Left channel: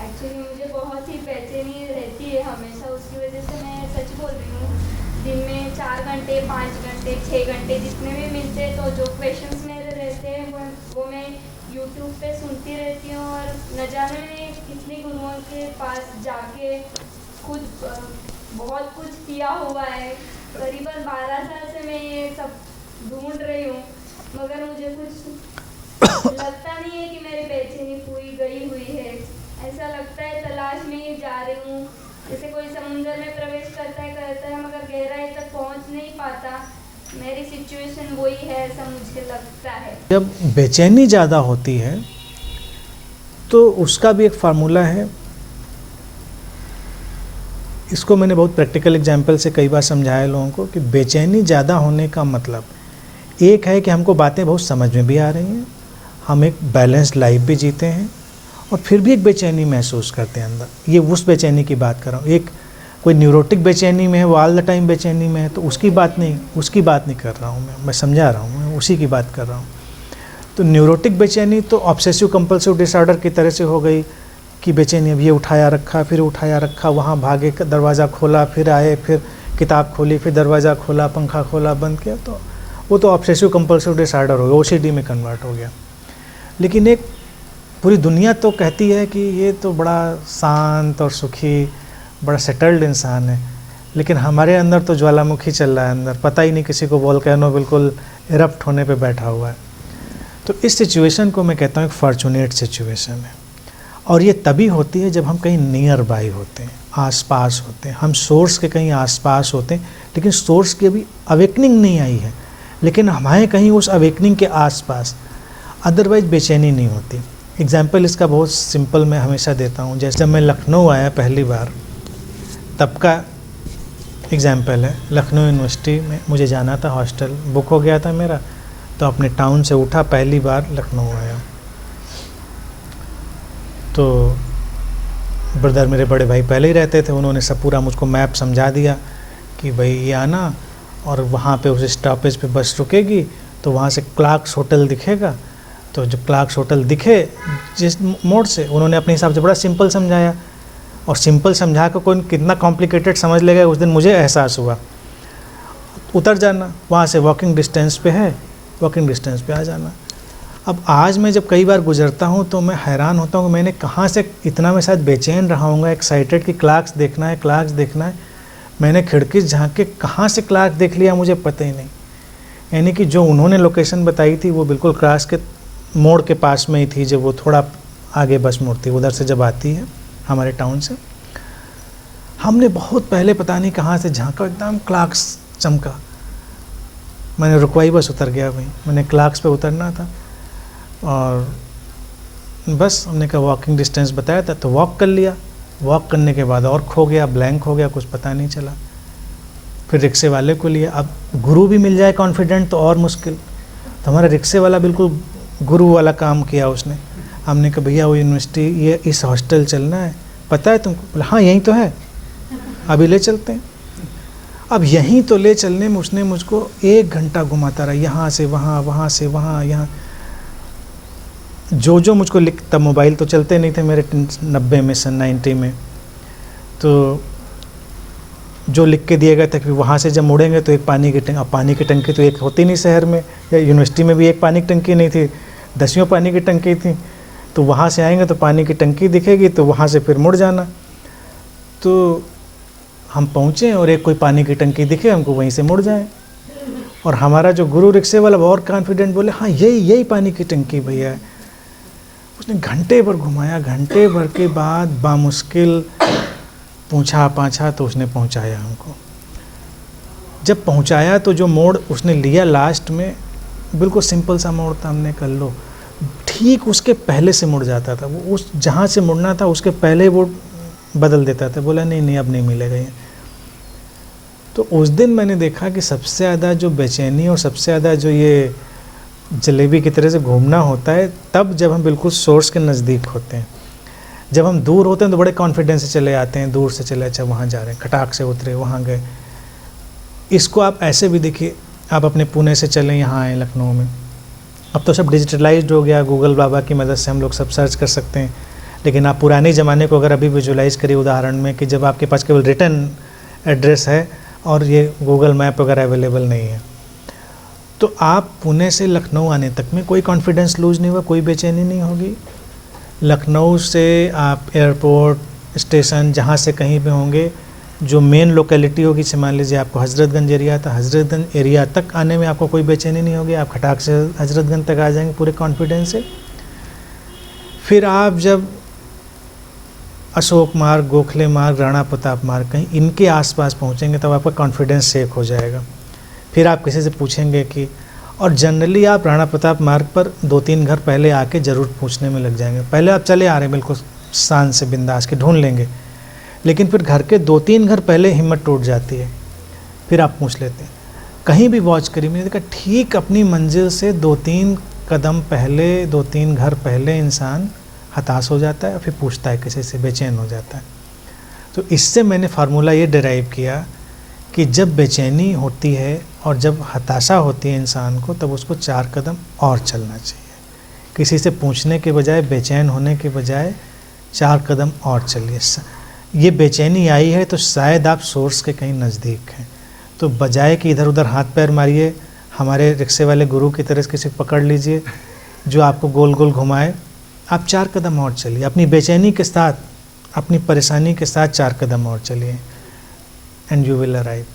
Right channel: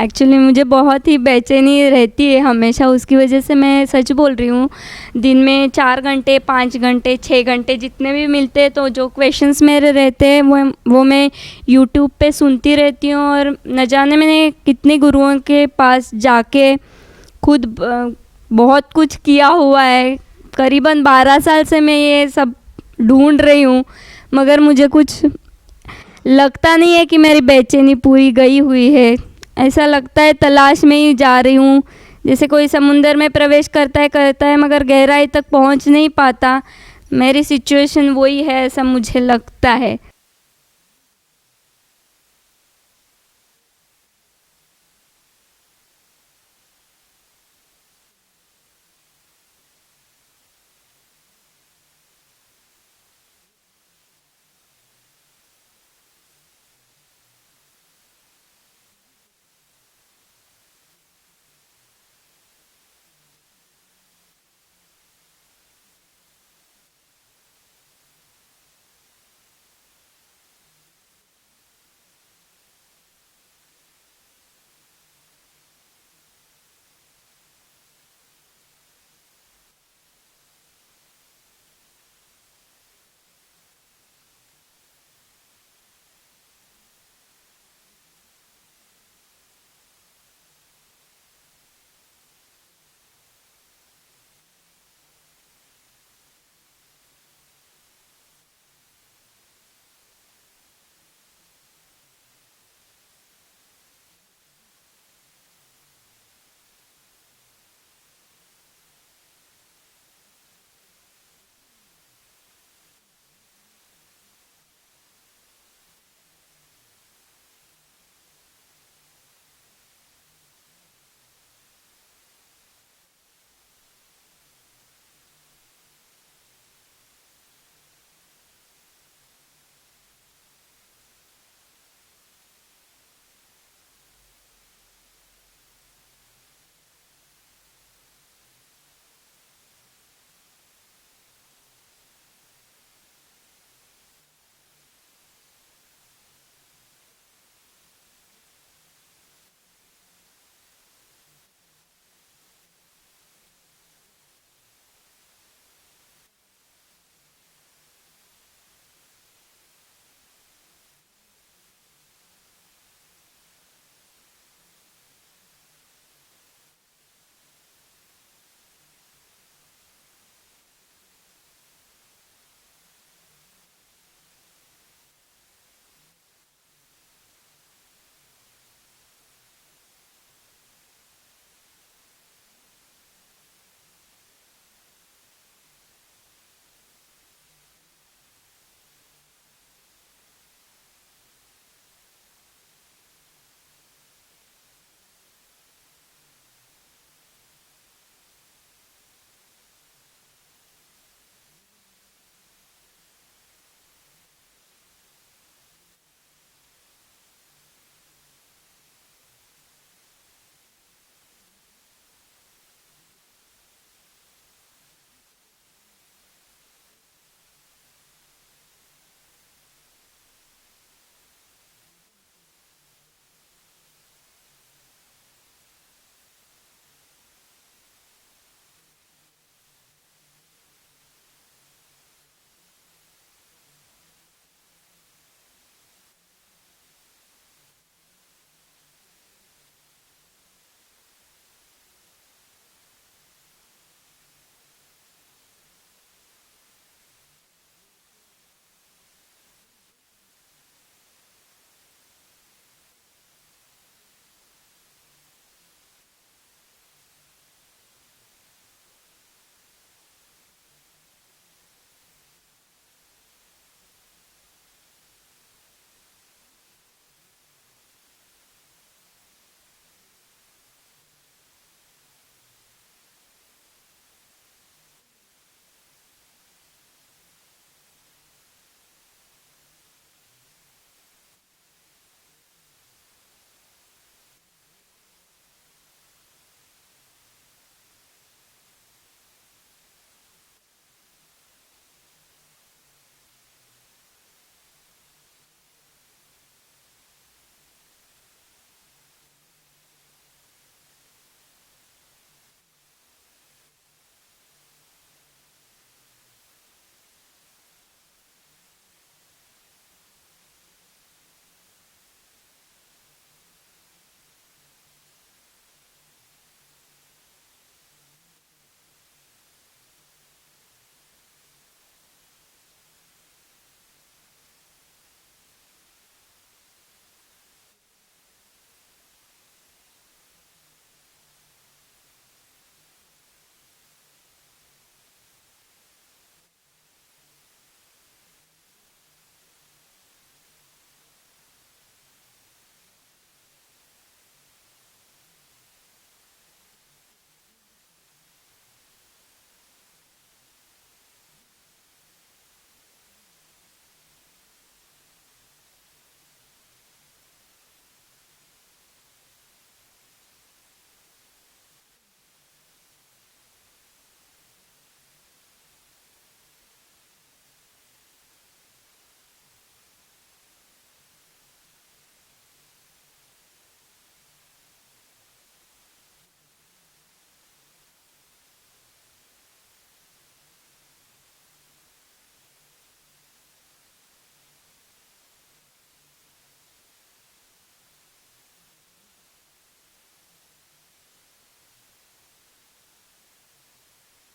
Actually मुझे बहुत ही बेचैनी रहती है हमेशा, उसकी वजह से मैं सच बोल रही हूँ। दिन में 4 घंटे, 5 घंटे, 6 घंटे जितने भी मिलते हैं, तो जो क्वेश्चंस मेरे रहते हैं वो मैं यूट्यूब पे सुनती रहती हूँ। और न जाने मैंने कितने गुरुओं के पास जाके खुद बहुत कुछ किया हुआ है। करीबन 12 साल से मैं ये सब ढूंढ रही हूँ, मगर मुझे कुछ लगता नहीं है कि मेरी बेचैनी पूरी गई हुई है। ऐसा लगता है तलाश में ही जा रही हूँ, जैसे कोई समुंदर में प्रवेश करता है मगर गहराई तक पहुँच नहीं पाता। मेरी सिचुएशन वही है, ऐसा मुझे लगता है। जब बेचैनी ज़्यादा होती है तो उसका भी एक फार्मूला है। इसको मैंने बहुत प्रैक्टिकल एग्जांपल से कई बार समझाया लोगों को कि बेचैनी ज़्यादा होने का मतलब एक है कि हमको बातें बहुत समझ में भी आ रही हैं, हम एक बैलेंस्ड लाइफ भी जीते हैं, और फिर भी एक बेचैनी महसूस करते हैं अंदर। ये उस बेचैनी की बात कर रहा हूँ। एक कोई न्यूरोटिक बेचैनी में है, वो ऑल द टाइम बेचैनी में है, तो उसकी बात नहीं कर रहा हूँ मैं समझा रहा हूँ, मैं उसी की बात कर रहा हूँ। तो न्यूरोटिक बेचैनी तो ऑब्सेसिव कंपल्सिव डिसऑर्डर की तरह से हो गई कि बेचैनी अब ये उठाया रखा, फिर उठाया रखा, वहाँ भागे, दरवाज़ा खोला, फिर आए, फिर किताब खोली, फिर दरवाज़ा खोला, पंखा खोला, बंद किया, तो वो तो ऑब्सेसिव कंपल्सिव डिसऑर्डर हो गया, ओसीडी में कन्वर्ट हो गया। लेकिन एक पूरी दुनिया तो कहती है कि ये तो बड़ा शांत और सुखी, बड़ा सेटल्ड इंसान है, लेकिन हमारे अंदर तो ज्वालामुखी चल रहा है अंदर, पता ही नहीं किसी को, वोल्केनो बिल्कुल इरप्ट होने पे बैठा हुआ है। तो इस सिचुएशन को मैं कहता हूँ एक फॉर्चुनेट सिचुएशन है, और ये तभी होती है जब हम कहीं नियर बाई होते हैं, आसपास होते हैं, हम सोर्स के कहीं आसपास होते हैं, लेकिन सोर्स की अभी अवेकनिंग नहीं आई है, लेकिन हमारे कहीं उस अवेकनिंग के आसपास, अदरवाइज बेचैनी नहीं होती। एग्जाम्पल इसका बहुत सिंपल मैं हमेशा देता हूँ। जैसे जब मैं लखनऊ आया पहली बार, तब का एग्जाम्पल है। लखनऊ यूनिवर्सिटी में मुझे जाना था, हॉस्टल बुक हो गया था मेरा, तो अपने टाउन से उठा, पहली बार लखनऊ आया। तो ब्रदर मेरे बड़े भाई पहले ही रहते थे, उन्होंने सब पूरा मुझको मैप समझा दिया कि भाई ये आना, और वहाँ पे उस स्टॉपेज पे बस रुकेगी, तो वहाँ से क्लार्क्स होटल दिखेगा, तो जब क्लार्क्स होटल दिखे जिस मोड़ से, उन्होंने अपने हिसाब से बड़ा सिंपल समझाया, और सिंपल समझा कर कोई कितना कॉम्प्लिकेटेड समझ लेगा, उस दिन मुझे एहसास हुआ। उतर जाना, वहाँ से वॉकिंग डिस्टेंस पे है, वॉकिंग डिस्टेंस पे आ जाना। अब आज मैं जब कई बार गुजरता हूँ तो मैं हैरान होता हूँ कि मैंने कहाँ से इतना, मैं शायद बेचैन रहा हूँगा, एक्साइटेड कि क्लार्क्स देखना है, क्लार्क्स देखना है। मैंने खिड़की झाँक के कहाँ से क्लार्क देख लिया मुझे पता ही नहीं। यानी कि जो उन्होंने लोकेशन बताई थी वो बिल्कुल क्लास के मोड़ के पास में ही थी, जब वो थोड़ा आगे बस मुड़ती उधर से जब आती है हमारे टाउन से। हमने बहुत पहले पता नहीं कहाँ से झांका, एकदम क्लार्क्स चमका। मैंने रुकवाई, बस उतर गया भाई, मैंने क्लार्क्स पे उतरना था, और बस हमने कहा वॉकिंग डिस्टेंस बताया था, तो वॉक कर लिया। वॉक करने के बाद और खो गया, ब्लैंक हो गया, कुछ पता नहीं चला। फिर रिक्शे वाले को लिया। अब गुरु भी मिल जाए कॉन्फिडेंट तो और मुश्किल, तो हमारा रिक्शे वाला बिल्कुल गुरु वाला काम किया उसने। हमने कहा भैया वो यूनिवर्सिटी, ये इस हॉस्टल चलना है, पता है तुमको? बोला हाँ यहीं तो है, अभी ले चलते हैं। अब यहीं तो ले चलने में उसने मुझको 1 घंटा घुमाता रहा, यहाँ से वहाँ, वहाँ से वहाँ, यहाँ जो मुझको लिख, तब मोबाइल तो चलते नहीं थे मेरे 90 में, सन 90 में, तो जो लिख के दिया गया था कि वहाँ से जब मुड़ेंगे तो एक पानी की टंकी, अब पानी की टंकी तो एक होती नहीं शहर में, या यूनिवर्सिटी में भी एक पानी की टंकी नहीं थी, 10 पानी की टंकी थी। तो वहाँ से आएंगे तो पानी की टंकी दिखेगी, तो वहाँ से फिर मुड़ जाना। तो हम पहुँचे और एक कोई पानी की टंकी दिखे, हमको वहीं से मुड़ जाए। और हमारा जो गुरु रिक्शे वाला और कॉन्फिडेंट बोले हाँ यही पानी की टंकी भैया है। उसने घंटे भर घुमाया, घंटे भर के बाद बामुश्किल पूछा पाछा तो उसने पहुंचाया हमको। जब पहुंचाया तो जो मोड़ उसने लिया लास्ट में, बिल्कुल सिंपल सा मोड़ था, हमने कर लो, ठीक उसके पहले से मुड़ जाता था वो, उस जहाँ से मुड़ना था उसके पहले वो बदल देता था। बोला नहीं अब नहीं मिलेगा ये। तो उस दिन मैंने देखा कि सबसे ज़्यादा जो बेचैनी और सबसे ज़्यादा जो ये जलेबी की तरह से घूमना होता है, तब जब हम बिल्कुल सोर्स के नज़दीक होते हैं। जब हम दूर होते हैं तो बड़े कॉन्फिडेंस से चले आते हैं, दूर से चले, अच्छा वहाँ जा रहे हैं, खटाक से उतरे, वहाँ गए। इसको आप ऐसे भी देखिए, आप अपने पुणे से चलें, यहाँ आए लखनऊ में, अब तो सब डिजिटलाइज्ड हो गया, गूगल बाबा की मदद से हम लोग सब सर्च कर सकते हैं। लेकिन आप पुराने ज़माने को अगर अभी विजुलाइज़ करिए उदाहरण में कि जब आपके पास केवल रिटन एड्रेस है और ये गूगल मैप वगैरह अवेलेबल नहीं है, तो आप पुणे से लखनऊ आने तक में कोई कॉन्फिडेंस लूज़ नहीं हुआ, कोई बेचैनी नहीं होगी। लखनऊ से आप एयरपोर्ट स्टेशन जहाँ से कहीं पे होंगे, जो मेन लोकेलिटी होगी, जैसे मान लीजिए आपको हज़रतगंज एरिया था, हज़रतगंज एरिया तक आने में आपको कोई बेचैनी नहीं होगी, आप खटाक से हज़रतगंज तक आ जाएंगे पूरे कॉन्फिडेंस से। फिर आप जब अशोक मार्ग, गोखले मार्ग, राणा प्रताप मार्ग कहीं इनके आसपास पहुंचेंगे तब आपका कॉन्फिडेंस शेक हो जाएगा। फिर आप किसी से पूछेंगे कि, और जनरली आप राणा प्रताप मार्ग पर 2-3 घर पहले आके ज़रूर पूछने में लग जाएंगे। पहले आप चले आ रहे हैं बिल्कुल शान से बिंदास के ढूंढ लेंगे, लेकिन फिर घर के 2-3 घर पहले हिम्मत टूट जाती है, फिर आप पूछ लेते हैं। कहीं भी वॉच करिए, मैंने देखा ठीक अपनी मंजिल से 2-3 कदम पहले, 2-3 घर पहले इंसान हताश हो जाता है और फिर पूछता है किसी से, बेचैन हो जाता है। तो इससे मैंने फार्मूला ये डिराइव किया कि जब बेचैनी होती है और जब हताशा होती है इंसान को, तब उसको 4 कदम और चलना चाहिए। किसी से पूछने के बजाय, बेचैन होने के बजाय 4 कदम और चलिए। ये बेचैनी आई है तो शायद आप सोर्स के कहीं नज़दीक हैं, तो बजाय कि इधर उधर हाथ पैर मारिए, हमारे रिक्शे वाले गुरु की तरह किसी को पकड़ लीजिए जो आपको गोल गोल घुमाए। आप 4 कदम और चलिए, अपनी बेचैनी के साथ, अपनी परेशानी के साथ 4 कदम और चलिए, एंड यू विल अराइव।